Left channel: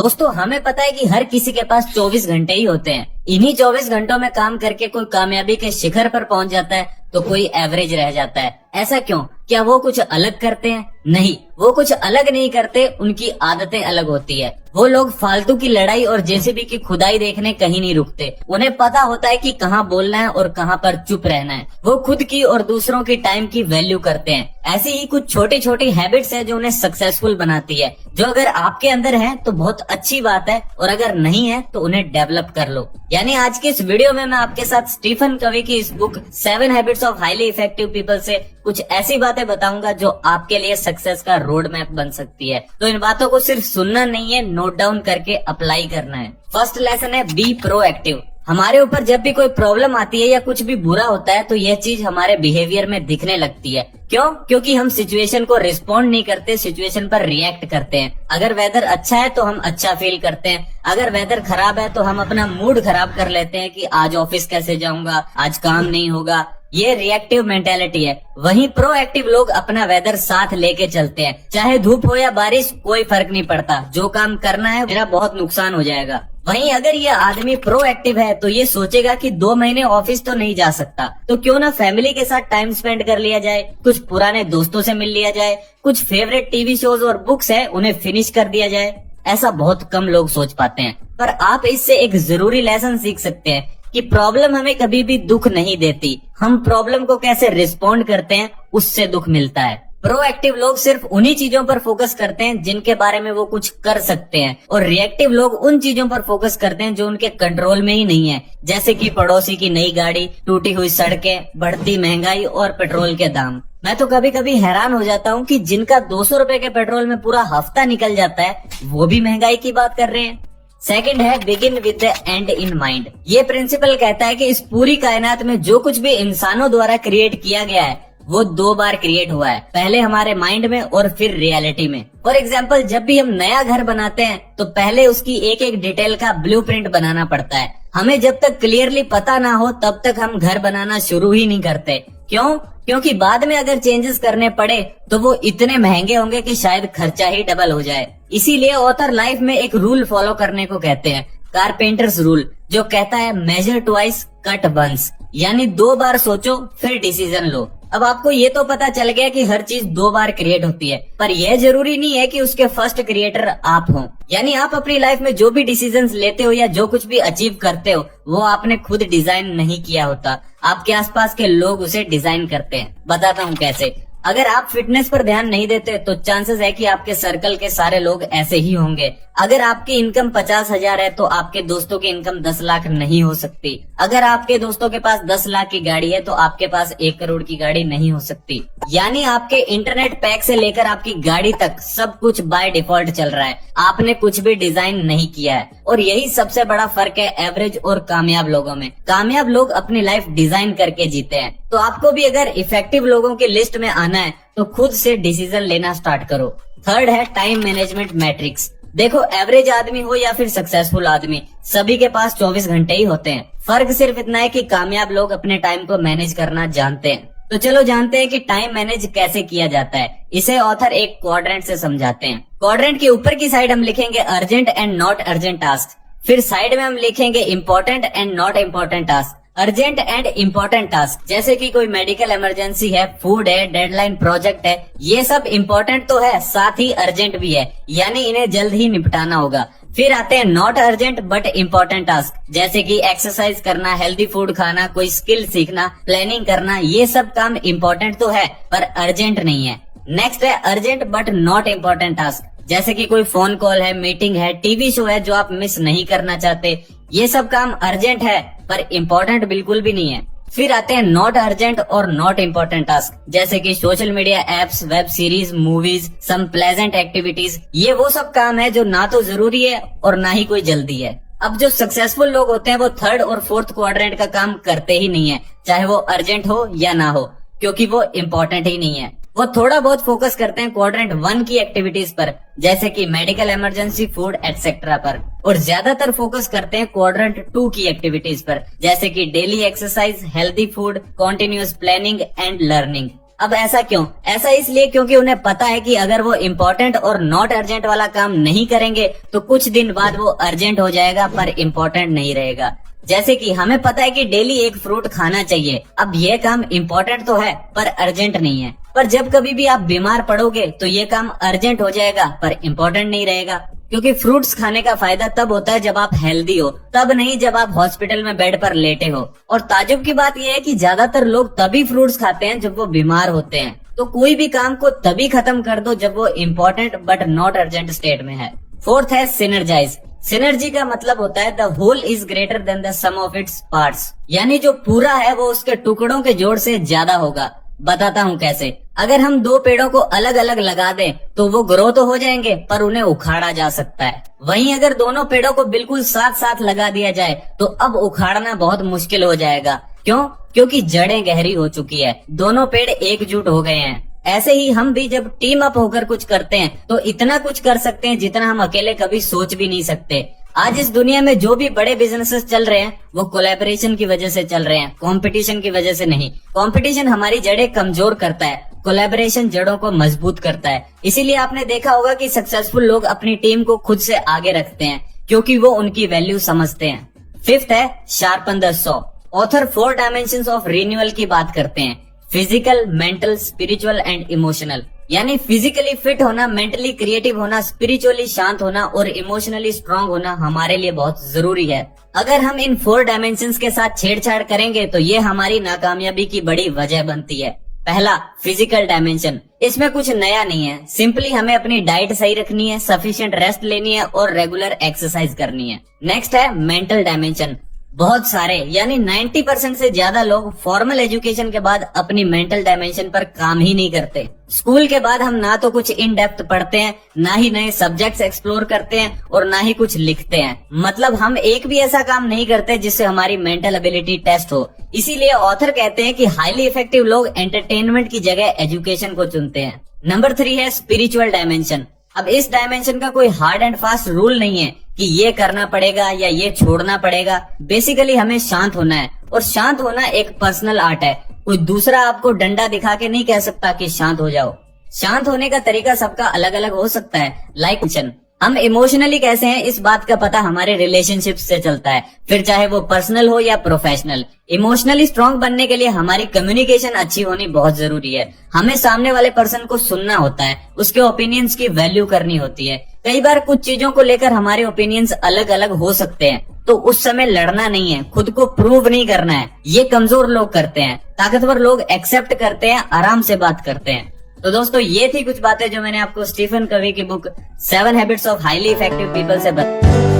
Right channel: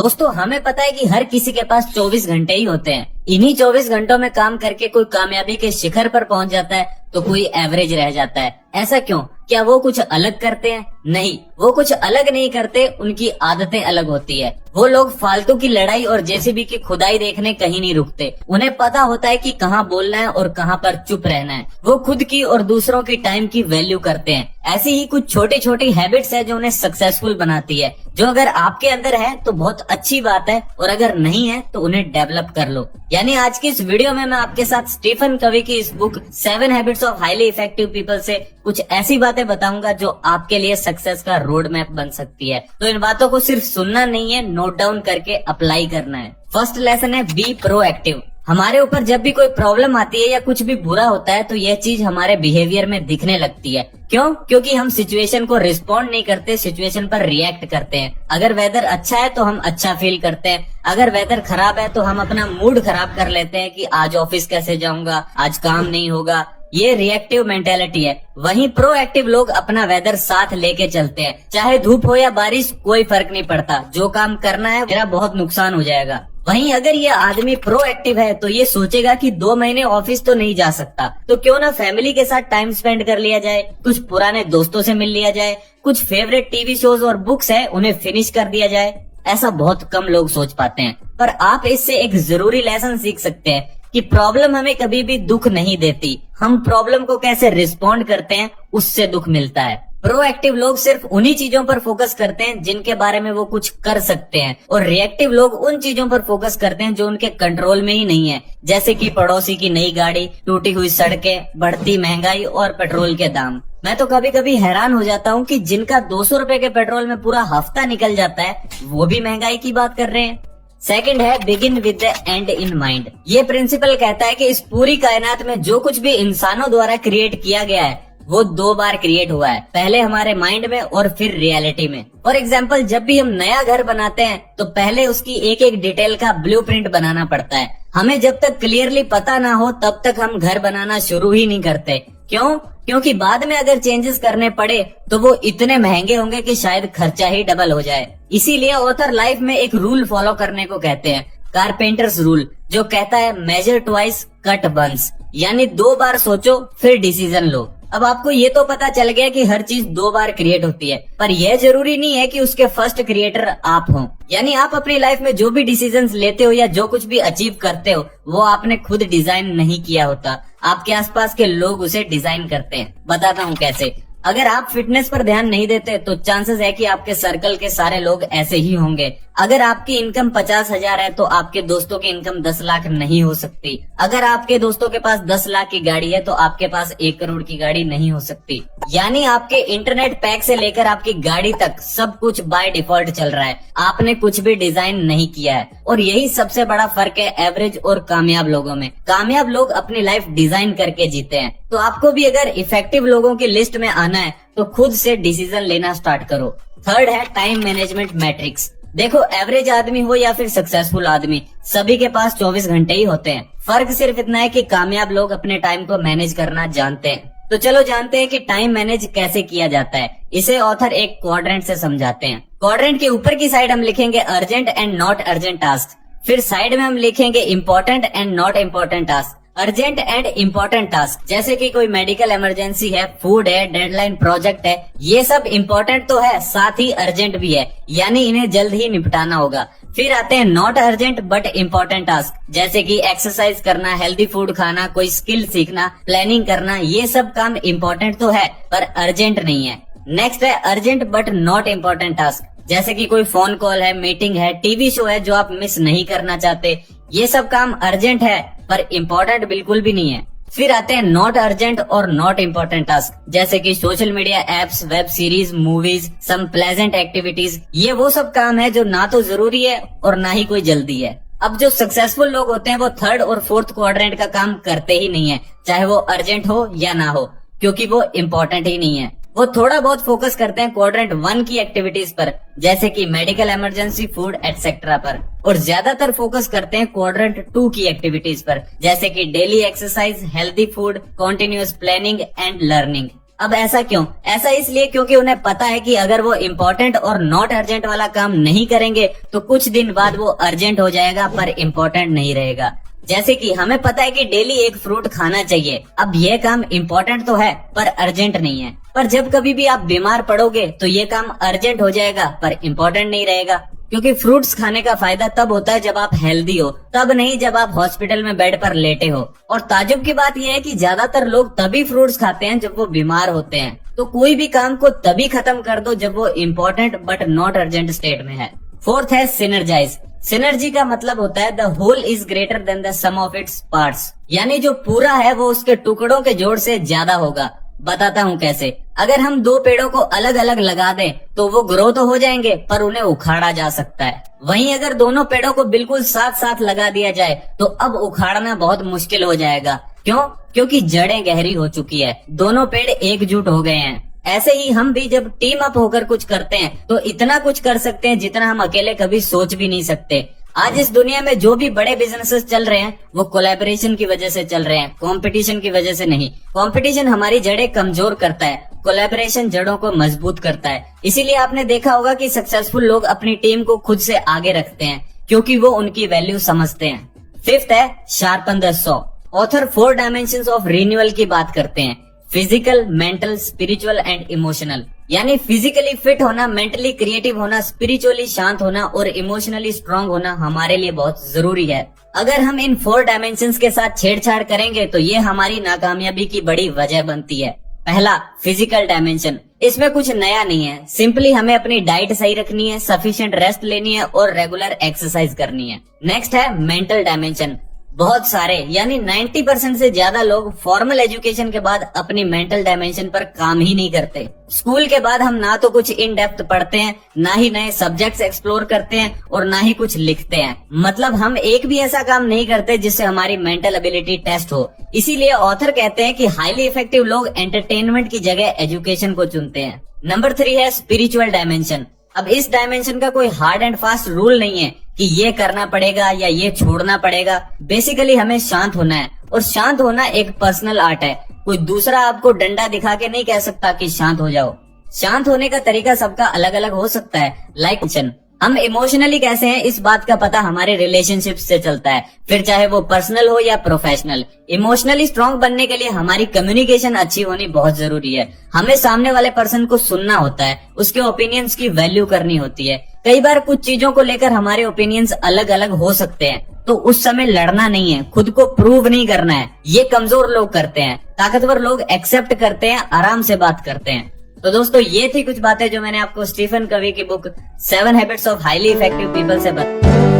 दोस्तों हमें पता है कि हर किसी के पास 24 घंटे ही होते हैं। इन्हीं 24 घंटों में काम करके कोई कामयाबी के शिखर पर पहुंच जाता है तो कोई एवरेज रह जाता है। ऐसा क्यों? क्या वो कुछ अलग करते हैं? नहीं, वो कुछ अलग नहीं करते, उनकी आदतें अलग होती है। वो लोग फालतू की लड़ाई और जेसीबी की खुदाई देखने कहीं नहीं रुकते। उन्हें पता होता है कि कहाँ बोलना है और कहाँ पर चुप रहना है। वो खुद की और दूसरों के टाइम की वैल्यू करते हैं। ऐसी ही कुछ छोटी छोटी हैबिट्स है जो उन्हें सक्सेसफुल बनाती है, जो अगर आपके अंदर है तो बहुत अच्छी बात है और अगर नहीं है तो उन्हें डेवलप कर लो। यानी आज के इस वीडियो में मैं आपके साथ स्टीफन कवी की इस book 7 habits of highly effective people से कुछ ऐसी बातें बताऊंगा जो आपके लिए सक्सेस का रोड मैप बन सकती है। तो इन बातों को सिर्फ सुनना नहीं है, नोट डाउन करके अप्लाई करना है। फर्स्ट लेसन है बी प्रोएक्टिव। हमारे ऊपर जब भी कोई प्रॉब्लम आती है या कुछ भी बुरा होता है तो यह चीज हमारे बिहेवियर में दिखने लगती है। क्यों? क्योंकि हम सिचुएशन को रिस्पॉन्ड नहीं करते, सिचुएशन पर रिएक्ट करते हैं। अगर वेदर अच्छा है तो हम अच्छा फील करते हैं, अगर वेदर खराब है तो हम अपना मूड खराब कर लेते हैं कि आज ऑफिस कैसे जाऊंगा, आज काम नहीं होगा। ये रिएक्टिव मेंटेलिटी है। वहीं प्रोएक्टिव लोग अपना वेदर साथ लेके चलते हैं। चाहे धूप हो या बारिश कोई फर्क नहीं पड़ता, जो काम करना है मेरा बहुत नुकसान हो जाएगा। वहीं अगर ये आदमी प्रोएक्टिव है तो ये सोचेगा कि 2 महीने ऑफिस तो नहीं जा सकता, तो क्यों ना फैमिली के साथ टाइम स्पेंड कर लिया जाए, कुछ पुराने दोस्तों से मिल लिया जाए, कुछ फेवरेट टीवी शोज और बुक्स हैं उन्हें फिनिश कर दिया जाए। ऐसा बहुत कम लोग सोच पाते हैं, पर आप इससे एक जरूरी लेसन सीख सकते हैं कि प्रॉब्लम हमें कभी भी दुख नहीं देती, हम प्रॉब्लम को कैसे रिस्पॉन्ड करते हैं उससे दुख मिलता है। प्रोएक्टिव लोग सिर्फ उन्हीं चीजों पर फोकस करते हैं जिनके बारे में वो कुछ कर सकते हैं, और रिएक्टिव लोग उन चीजों पर फोकस करते हैं जो उनके कंट्रोल में ही नहीं है, जैसे कि पड़ोसी की नई गाड़ी, टूटी हुई सड़कें, बढ़ती महंगाई और पेट्रोल के दाम। मैं तो कभी कभी हैरान हो जाता हूँ कि जिनका 200 रुपए के पेट्रोल में पूरा हफ्ता निकल जाता है वो भी महंगाई की बात कर रहे हैं। सेकंड है begin with the and in mind. ये प्रिंसिपल कहता है कि इस पूरी कायनात में जो कुछ भी इंसानों द्वारा क्रिएट किया गया है वो 2 बार क्रिएट हुआ है, पहले हमारे माइंड में और फिर रियलिटी में। फॉर एग्जाम्पल, जब भी हम नया घर बनाते हैं तो पहले उसकी एक एक डिटेल का ब्लूप्रिंट बनाना पड़ता है। हमें जब तक क्लियरली पता ना हो तब तक हम घर बनाना शुरू ही नहीं करते। क्यों? क्योंकि बाद में अगर चेंजेस करने पड़े तो वो इतने महंगे होंगे कि शायद खर्चा ही डबल हो जाए। इसीलिए ऑथर लाइफ में एक रूल फॉलो करने को कहते हैं, कारपेंटर्स रूल, जो कहता है मेजर ट्वाइस कट वंस, यानी 2 बार सोचो फिर डिसीजन लो। अब आपको ये तो पता चल गया कि हर चीज 2 बार क्रिएट होती है, पर यह जरूरी नहीं है कि उसके फर्स्ट क्रिएटर आप हो। यानी आप अपनी लाइफ में जो भी डिसीजंस लेते हो या जो कुछ भी अचीव करते हो वो आपने खुद डिजाइन नहीं किया होता, आपके आसपास के लोग उसे डिजाइन करते हैं। बताता हूँ कैसे। अगर आप फिटनेस पर ध्यान नहीं देते तो चांसेस है कि आपके सर्कल के सारे लोग ऐसे ही होंगे। अगर आपकी इनकम 50,000 है तो आपके दोस्तों की इनकम 10 लाख नहीं हो सकती। अगर आपके दोस्तों के पास 10 लाख की गाड़ी है तो आपके पास 1 करोड़ की गाड़ी नहीं हो सकती। यानी आपके इंटरनेट पैक से लेकर आपकी गाड़ी तक सब कुछ बाय डिफॉल्ट चल रहा है, आपने कुछ भी डिजाइन नहीं किया है। और यही सबसे बड़ा फर्क है एवरेज और कामयाब लोगों में। कामयाब लोग अपनी लाइफ डिजाइन करके जीते हैं। तो आपको भी अगर इफेक्टिव लोगों की लिस्ट में आना है तो खुद से डिसीजन लेना स्टार्ट करो। थर्ड है टाइम मैनेजमेंट मैट्रिक्स। देखो, एवरेज आदमी हो या फिर सक्सेसफुल आदमी, सभी के पास 24 घंटे ही होते हैं। फर्क सिर्फ इतना है कि कामयाब लोग अपने टाइम को मैनेज करना जानते हैं। तो चलो जानते हैं कि टाइम मैनेज कैसे किया जाता है। इसे ऑथर एक क्वाड्रेंट से समझाते हैं। क्वाड्रेंट के ऊपर की साइड हम लिखेंगे urgent and not urgent task, फिर साइड में हम लिखेंगे important and not important task. Urgent and important task जैसे कि कोई मेडिकल इमरजेंसी है, फूड है, डेडलाइन प्रोजेक्ट है, ये सब इम्पोर्टेंट तो है, साथ ही अर्जेंट भी है, यानी इन्हें जल्द ही निपटाना होगा। फिर आते हैं not urgent but important task, जैसे कि एक्सरसाइज करना, हेल्दी फूड खाना, कोई स्किल सीखना, प्लानिंग करना। ये सब काम इम्पोर्टेंट तो है पर अर्जेंट नहीं है। नेक्स्ट है urgent but not important task, जैसे कि कोई फोन कॉल है, मीटिंग है, टीवी शो है जो आप मिस नहीं करना चाहते। ये सब काम अर्जेंट है पर इम्पोर्टेंट बिल्कुल भी नहीं है। फिर आते हैं नॉट अर्जेंट और नॉट इम्पोर्टेंट टास्क, जैसे कि social media apps, web series, movies, some pleasant activities. ये वो सब काम है जो ना तो जरूरी है और ना ही कोई जल्दी है। अब जो सक्सेसफुल लोग होते हैं वो थर्ड और फोर्थ क्वाड्रेंट का काम करते ही नहीं है, चाहे वो अर्जेंट हो या ना हो, क्योंकि वो इम्पोर्टेंट ही नहीं है। वो थोड़ा बहुत फोकस करते हैं क्वाड्रेंट 1 की एक्टिविटीज पर, जैसे कि मेडिकल इमरजेंसी, फूड एटसेट्रा पर, और ज्यादातर फोकस करते हैं क्वाड्रेंट 2 की एक्टिविटीज पर, जैसे कि daily exercise, healthy food, continuous planning and learning. अब ऐसा क्यों? ऐसा इसलिए क्योंकि उन्हें पता है कि अगर वो इम्पोर्टेंट और नॉट अर्जेंट वाला काम नहीं करेंगे तो कुछ दिन बाद वो अर्जेंट हो जाएगा पर इम्पोर्टेंट नहीं रहेगा। जैसे कि हमें पता है कि डेली एक फ्रूट खाना चाहिए। अब ये काम इम्पोर्टेंट तो है पर अर्जेंट नहीं है, पर जब कभी भी आप बीमार पड़ोगे तो ये काम अर्जेंट हो जाएगा पर इम्पोर्टेंट नहीं रहेगा। क्योंकि फ्रूट्स खाने का फायदा तब होता है जब आप हेल्दी हो, तब नहीं जब आप हॉस्पिटल में बेड पर लेटे हो। और ताजुब की बात यह है कि ज्यादातर लोग तभी फ्रूट्स खाते हैं जब वो बीमार होते हैं। तो कोई भी काम को तभी खत्म कर दो जब वो important but not urgent state में है। फोर्थ है सिनर्जाइज। सिनर्जी का मतलब होता है the whole is greater than the sum of its parts, यानी जो पूरा है वो उसके टुकड़ों के जोड़ से ज्यादा होगा। बताता हूँ कैसे। अगर हम दो पेड़ों को अलग अलग लगा दें तो वो ग्रो तो हो जाएंगे पर उन्हें उखाड़ा जा सकता है। वहीं अगर दोनों पेड़ों को बिल्कुल साथ साथ लगा दिया जाए तो अब उखाड़ना बहुत मुश्किल हो जाएगा। क्यों? क्योंकि जड़ें गहरी हो चुकी है, दोनों पेड़ एकजुट हो गए हैं। ऐसे ही हम भी जब टीम अप होकर कुछ करते हैं तो इतना कुछ कर सकते हैं जितना हम अकेले कभी सोच भी नहीं सकते। आज इस दुनिया में जो भी बड़े बिजनेसेस चल रहे हैं वो कोलैबोरेशन की वजह से चल रहे हैं, कंपटीशन की वजह से नहीं। कंपटीशन हमारी जड़ें कमजोर करता है, कोलैबोरेशन जड़ों को मजबूत करता है। इसीलिए आपने देखा होगा कि सक्सेसफुल लोग अपनी टीम को खुद से आगे रखते हैं क्योंकि वो उनकी वैल्यू समझते हैं। फिफ्थ है sharpen the saw. Author 4 dimensions of renewal की बात करते हैं, physical, mental, spiritual and emotional. यानी फिजिकली फिट होना, मेंटली क्रिएटिव होना, स्पिरिचुअली शांत होना और इमोशनली स्ट्रांग होना हमारे लिए बहुत जरूरी है। अगर हम इन 4 डायमेंशंस के साथ छेड़छाड़ करेंगे तो ये हमारी नाकामयाबी की बड़ी वजह बनती है। पहला, फिजिकल डायमेंशन। इसमें कुछ नया नहीं है, सिंपली हमें अपनी डाइट सही रखनी है, सफिशिएंट रेस्ट लेनी है और रेगुलर एक्सरसाइज करनी है। नेक्स्ट है मेंटल डायमेंशन। बहुत सारे यानी 90% से ज्यादा लोग फॉर्मल एजुकेशन के बाद अपनी मेंटल डायमेंशन पर काम ही नहीं करते। स्कूल के बाद हम ना तो कुछ इन डेप्थ पढ़ते हैं, ना ही नए सब्जेक्ट्स एक्सप्लोर करते हैं और ना ही कुछ लिखते हैं। मतलब हम एक भी ऐसा काम नहीं करते जिससे हमारी मेंटल एबिलिटी टेस्ट हो। इसीलिए ऑथर कहते हैं कि हाईली इफेक्टिव लोग एंटरटेनमेंट की जगह एजुकेशन को चुनते हैं। नंबर 3 है स्पिरिचुअल डायमेंशन। अब इस डायमेंशन का कोई हार्ड एंड फास्ट रूल नहीं है कि ये करना पड़ेगा या ये छोड़ना पड़ेगा। बेसिकली हमें शांत होना है और शांत होना एक पर्सनल आर्ट है। कोई दूसरा आपको डंडा दिखा के नहीं कह सकता कि शांत हो जाओ। शांत होने का तरीका सबका अलग अलग हो सकता है। लाइक हम इमोशनली कैसे हैं इस बात का पता हमारे रिलेशनशिप से चलता है, फिर चाहे वो पर्सनल हो या प्रोफेशनल। इमोशनली स्ट्रांग बनने के लिए हमारी कम्युनिकेशन अच्छी होनी बहुत जरूरी है। हमें सामने वाले पर्सन को सुनना होता है, उसके ओपिनियंस की वैल्यू करनी होती है। कई बार कुछ चीजों को लेकर हमारे ओपिनियंस अलग अलग हो सकते हैं, तो उस समय लड़ना नहीं है, खुद को प्रूव नहीं करना है। ये कमजोर लोग करते हैं, ताकतवर लोग एक्सेप्ट करते हैं, आराम से बात करते हैं। तो दोस्तों ये थी कुछ बातें जो मैंने आपको स्टीफन कवी की book 7 habits of highly effective people से बताई।